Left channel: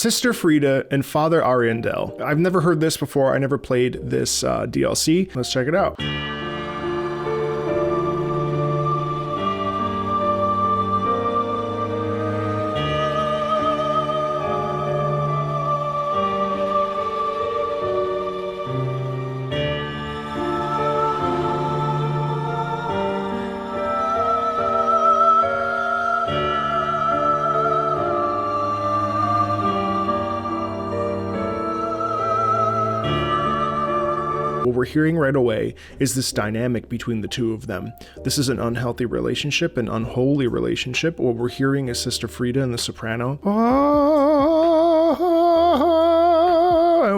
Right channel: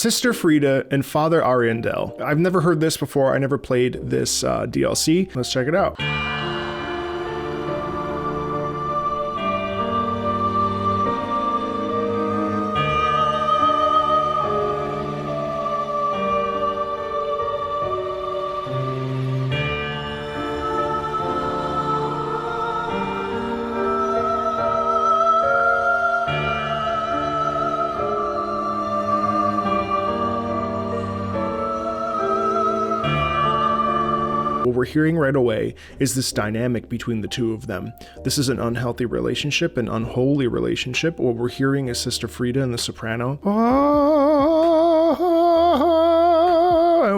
Sister Friede and Father Ariandel. I've never heard this before. I never played this DLC. Let's check it out. What we're hearing right away is this dynamic between the two of them. This is an unhealthy relationship, an unholy relationship. What we're hearing is Sister Friede and the soprano.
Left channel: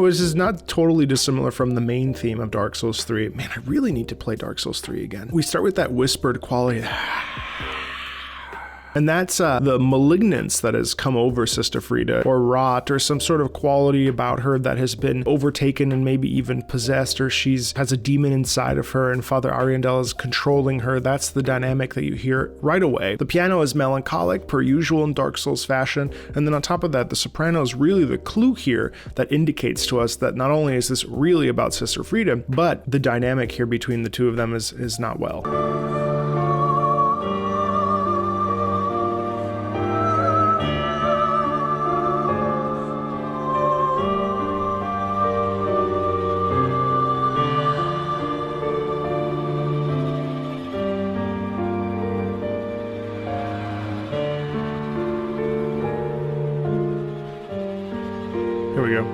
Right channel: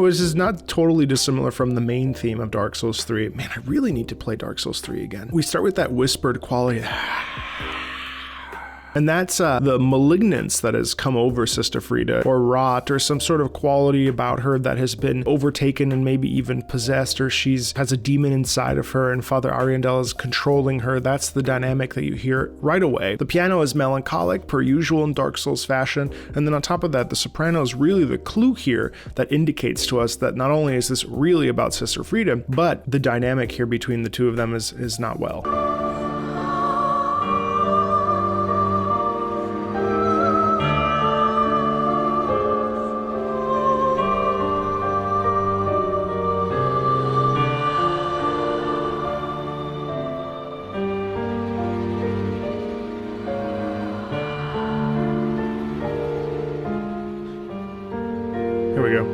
Which is not totally dissimilar from the main theme of Dark Souls 3. Man, I really need to play Dark Souls 3 again. We start with that whispered quality. And that's the malignance that has come over Sister Friede, or rot, or some sort of quality about her that has been overtaken and maybe even possessed, or has a demon inside of her, and Father Ariandel is controlling her. That's the dynamic that you hear right away. The piano is melancholic, per usual in Dark Souls fashion, and then on top of that, the soprano is really the clue here that indicates to us that not only is this really about Sister Friede, but the dynamic here between the two of them is not well. Here we go.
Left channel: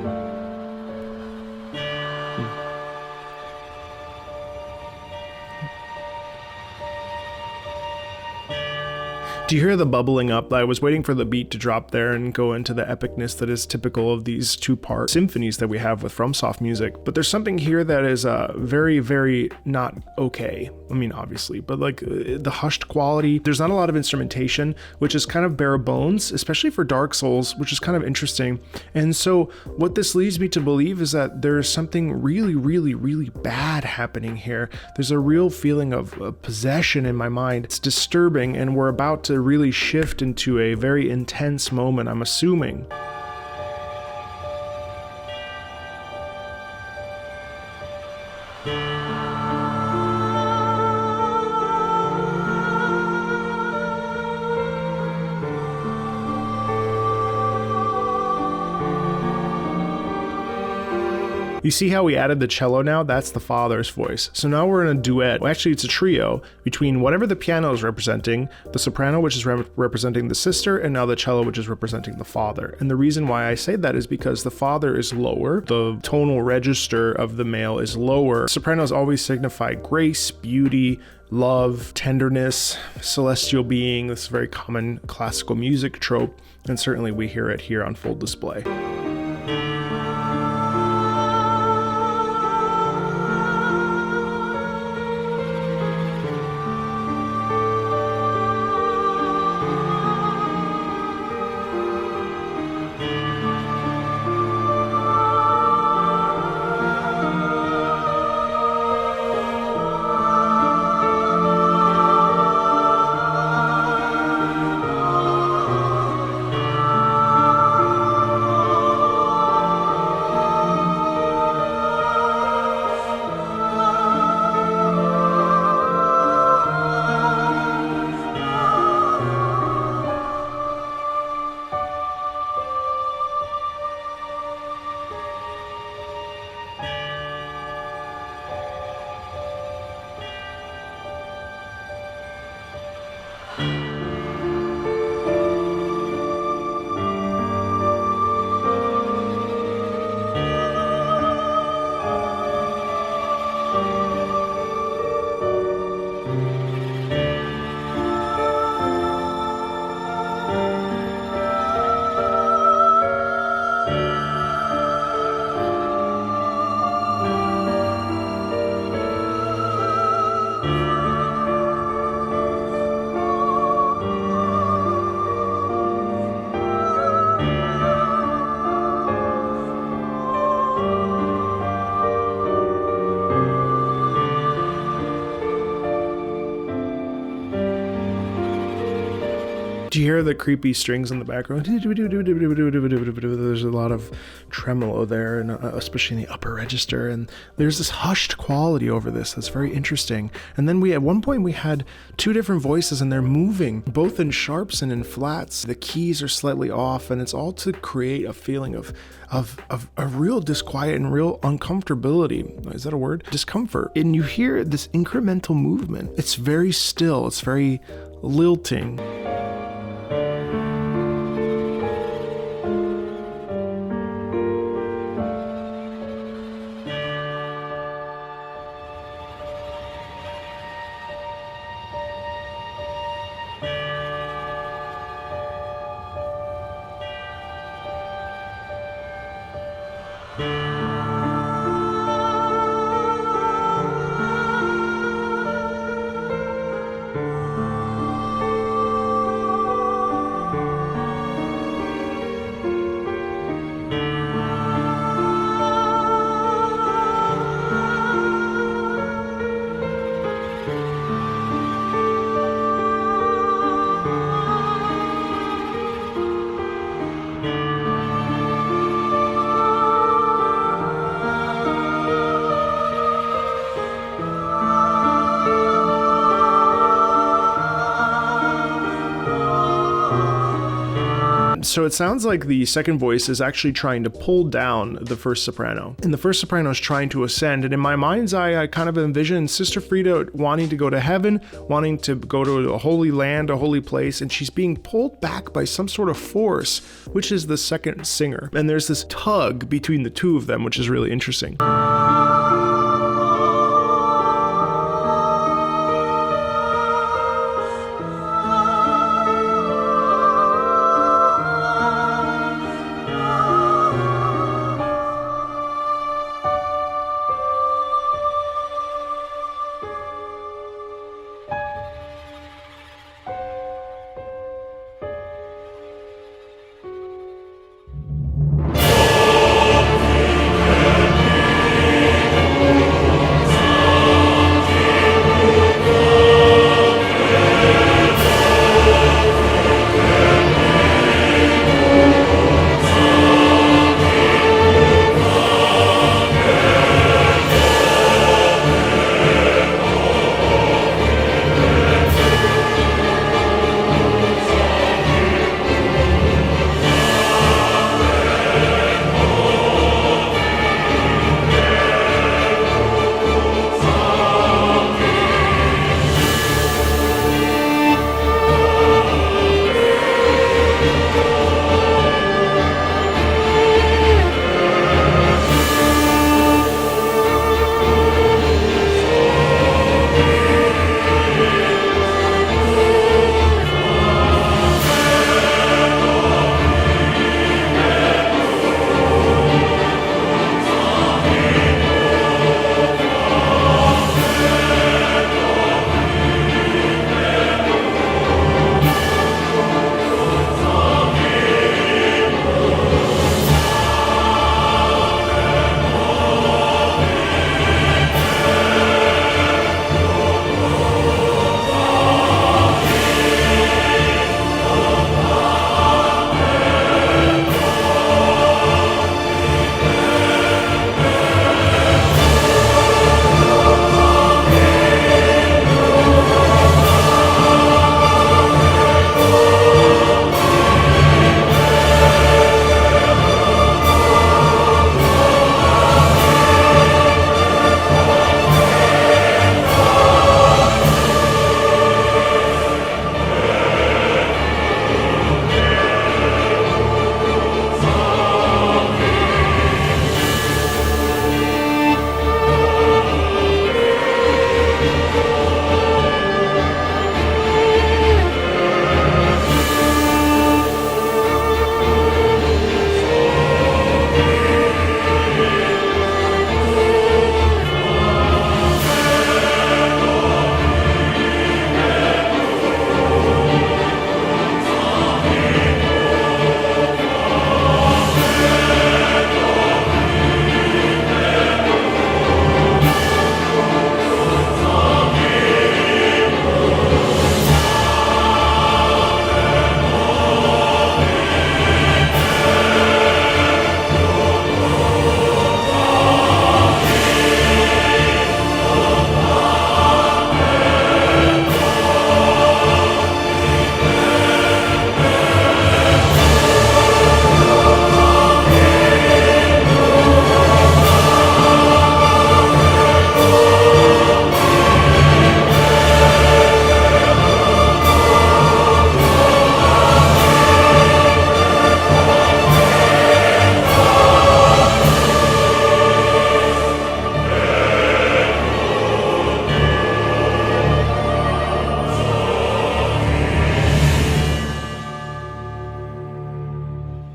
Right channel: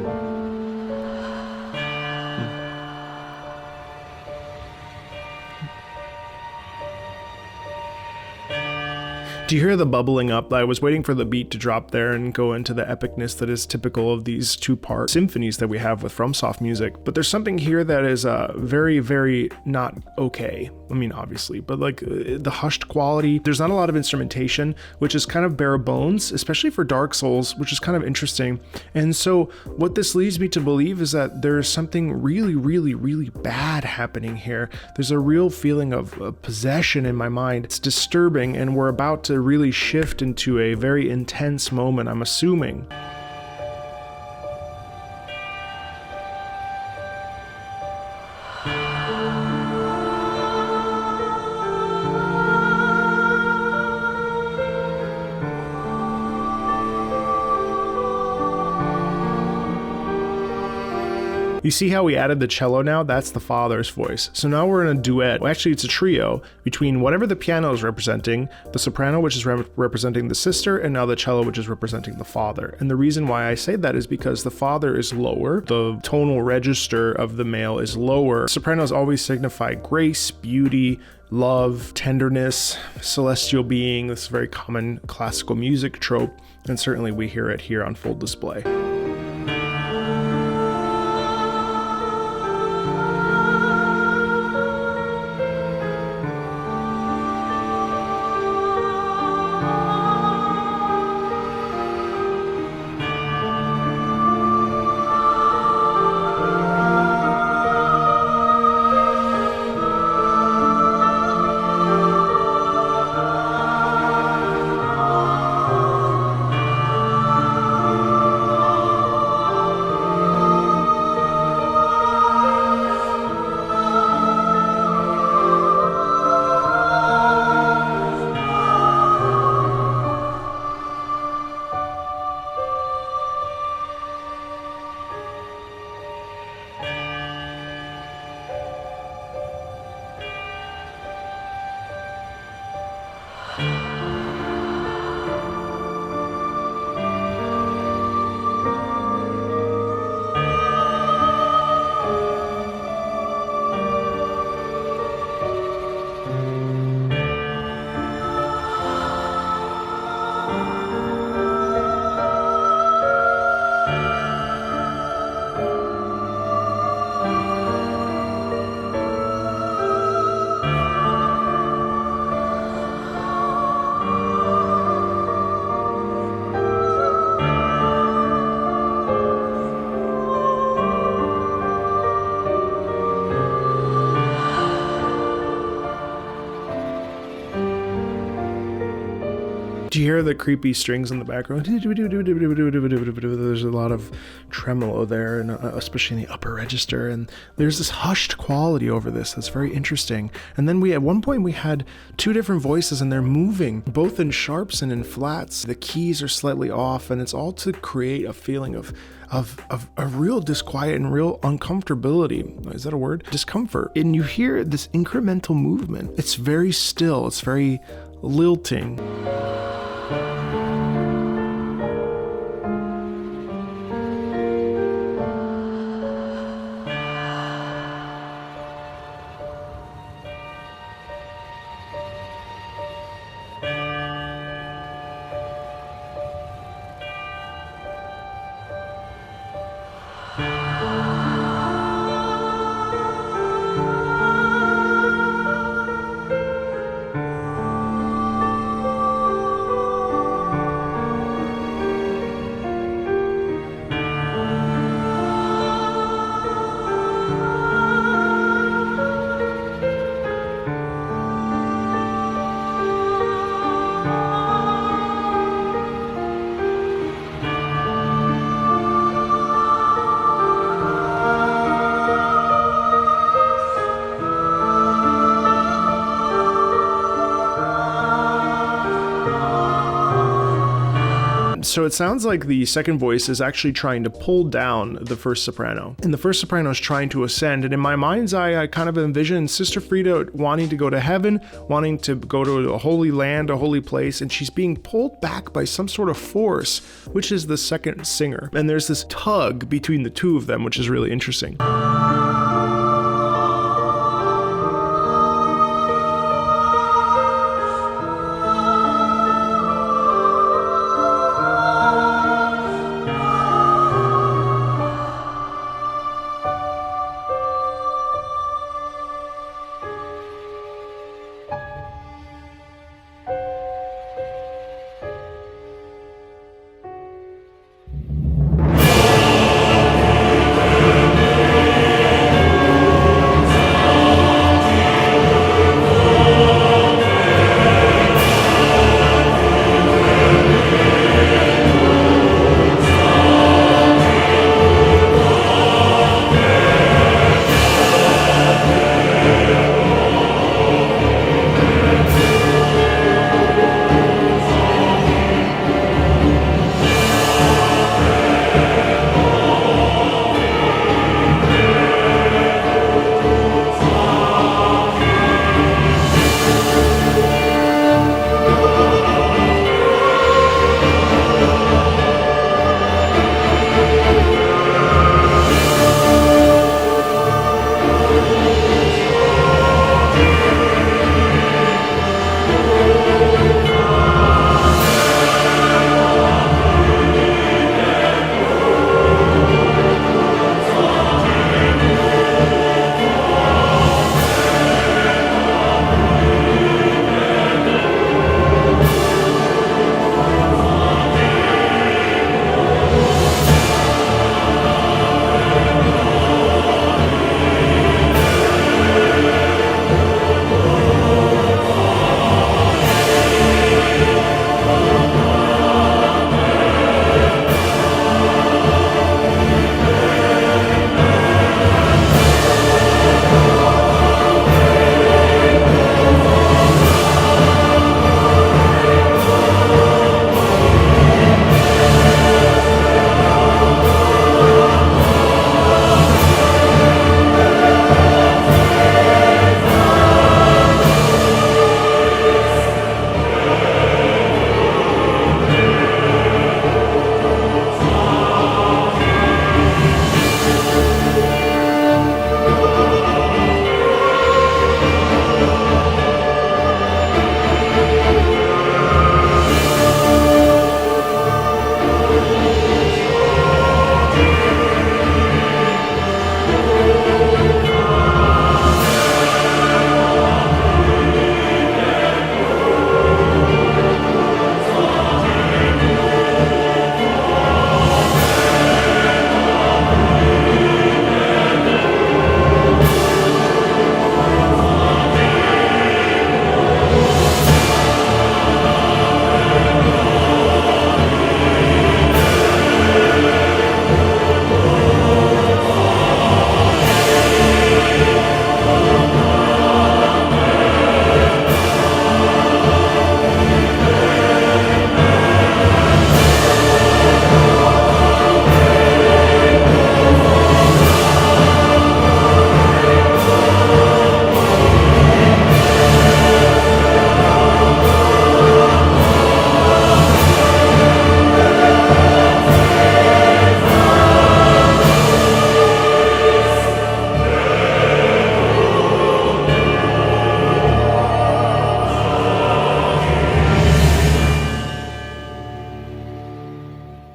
Do you hear the bubbling up? I was waiting for the beat to drop there and go into the epicness that is typical of these two-part symphonies that we have with FromSoft music. But there's something here that is very, very not okay. I mean, obviously, but like the hushed quality. There's not a lot of instrumentation, which is kind of bare bones, especially for Dark Souls, which is kind of interesting. And so what this leads me to believe is that there's something really, really, really bad happening here. There's a real feeling of possession in my mind. It's disturbing, and we're about to really shift into a very intense moment, I'm assuming. You see how we added the cello now? That's the father's voice. So now we're in a duet. Well, actually, it's a trio between whatever the piano is representing, the soprano, which is representing the sister, and now the cello, which is representing the father. And the reason why I say that is because the father is lower. The tonal register of the male is lower. Sopranos always signify grace, beauty, love, tenderness, celestial being. This is a very common classical music trope, and certainly we hear it here on full display. Do Do you hear the creepy strings in the background? There's a lot of tremolo there, and especially in the upper register. And there's this hushed quality over this that's very interesting. And then at one point we had two different voices, and they're moving both in sharps and in flats. The keys are slightly off, and it's all to create a feeling of a real disquiet and real uncomfortability. Is that a word? Discomfort. And you hear this incremental movement. It's very still. It's very lilting. So it sounds like the second voice is actually trying to pull down the first soprano, and the first soprano is trying to ascend. And in my mind's eye, I kind of envision Sister Friede wanting to go to heaven, wanting to go to a holy land, a holy place, and she's being pulled back by some sort of force, which is the second singer. And there's this tug between the two of them, which is really interesting.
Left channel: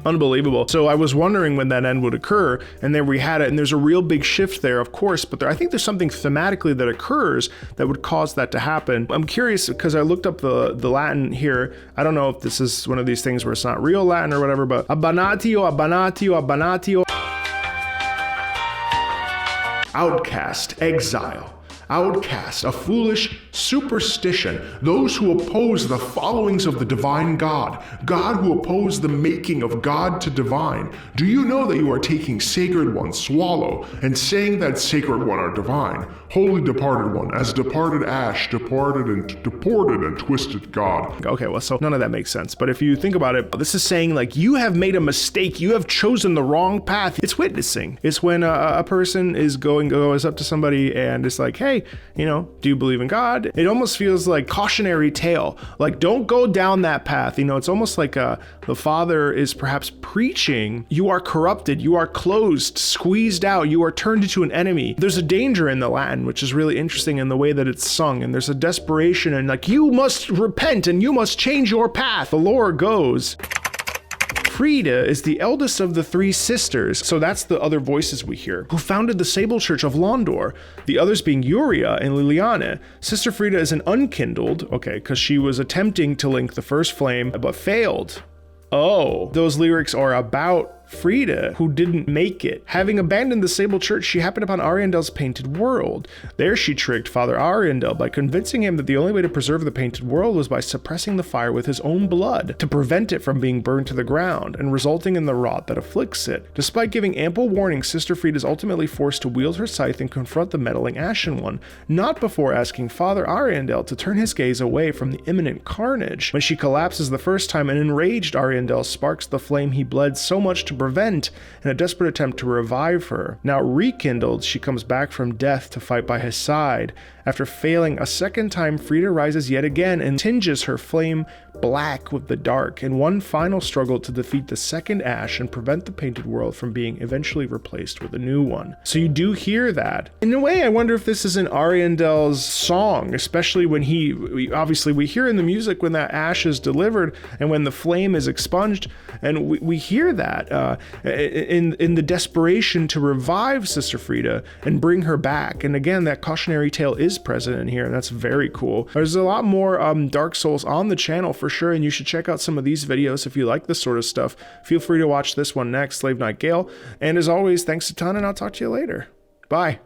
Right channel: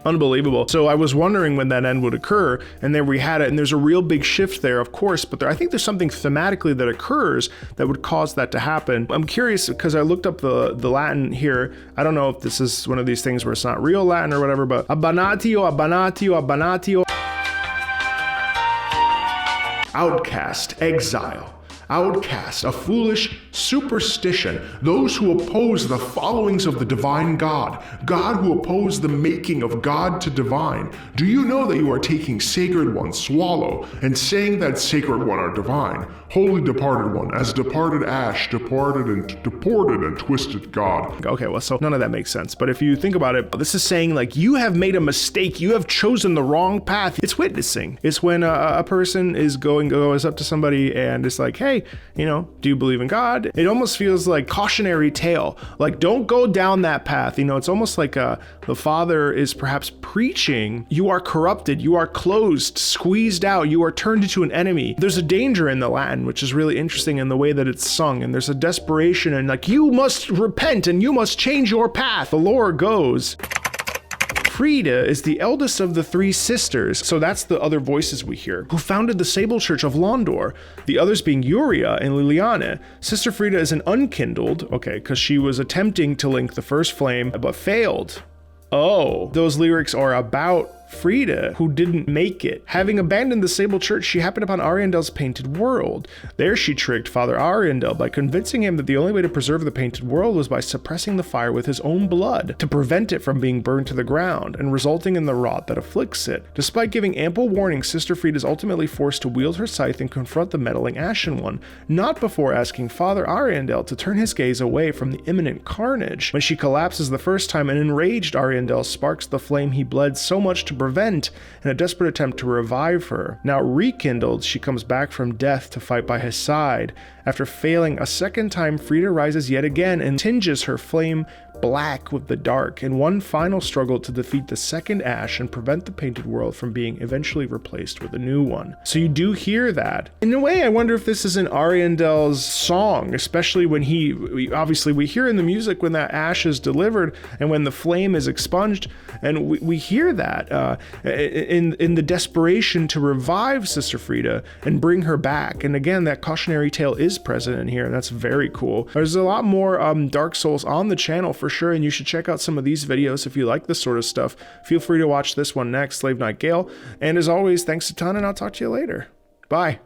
Unbelievable. So I was wondering when that end would occur, and there we had it, and there's a real big shift there, of course, but I think there's something thematically that occurs that would cause that to happen. I'm curious because I looked up the Latin here. I don't know if this is one of these things where it's not real Latin or whatever, but abanatio, abanatio, abanatio. Outcast, exile. Outcast, a foolish superstition, those who oppose the followings of the divine God, God who oppose the making of God to divine. Do you know that you are taking sacred one, swallow, and saying that sacred one are divine? Holy departed one, as departed ash, deported and twisted God. Okay, well, so none of that makes sense, but if you think about it, this is saying like you have made a mistake, you have chosen the wrong path. It's witnessing. It's when a person goes up to somebody and it's like, hey, you know, do you believe in God? It almost feels like cautionary tale, like don't go down that path. You know, it's almost like the Father is perhaps preaching, you are corrupted, you are closed, squeezed out, you are turned into an enemy. There's a danger in the Latin, which is really interesting in the way that it's sung, and there's a desperation and like, you must repent and you must change your path. The lore goes, Friede is the eldest of the three sisters, so that's the other voices we hear, who founded the Sable Church of Londor, the others being Uria and Liliane. Sister Friede is an unkindled, okay, because she was attempting to link the first flame, but failed. Oh, those lyrics are about Friede, who didn't make it. Having abandoned the Sable Church, she happened upon Ariandel's painted world. There she tricked Father Ariandel by convincing him that the only way to preserve the painted world was by suppressing the fire with his own blood, to prevent it from being burned to the ground, and resulting in the rot that afflicts it. Despite giving ample warning, Sister Friede is ultimately forced to wield her scythe and confront the meddling Ashen One, not before asking Father Ariandel to turn his gaze away from the imminent carnage. When she collapses the first time, an enraged Ariandel sparks the flame he bled so much to prevent in a desperate attempt to revive her. Now rekindled, she comes back from death to fight by his side. After failing a second time, Friede rises yet again and tinges her flame black with the dark in one final struggle to defeat the second ash and prevent the painted world from being eventually replaced with a new one. So you do hear that. In a way, I wonder if this is an Ariandel's song, especially when obviously we hear in the music when that ash is delivered and when the flame is expunged, and we hear that in the desperation to revive Sister Friede and bring her back. And again, that cautionary tale is present in here, and that's very cool. There's a lot more Dark Souls on the channel for sure, and you should check out some of these videos if you like this sort of stuff. Feel free to watch this one next, Slave Knight Gale. And as always, thanks a ton, and I'll talk to you later. Bye.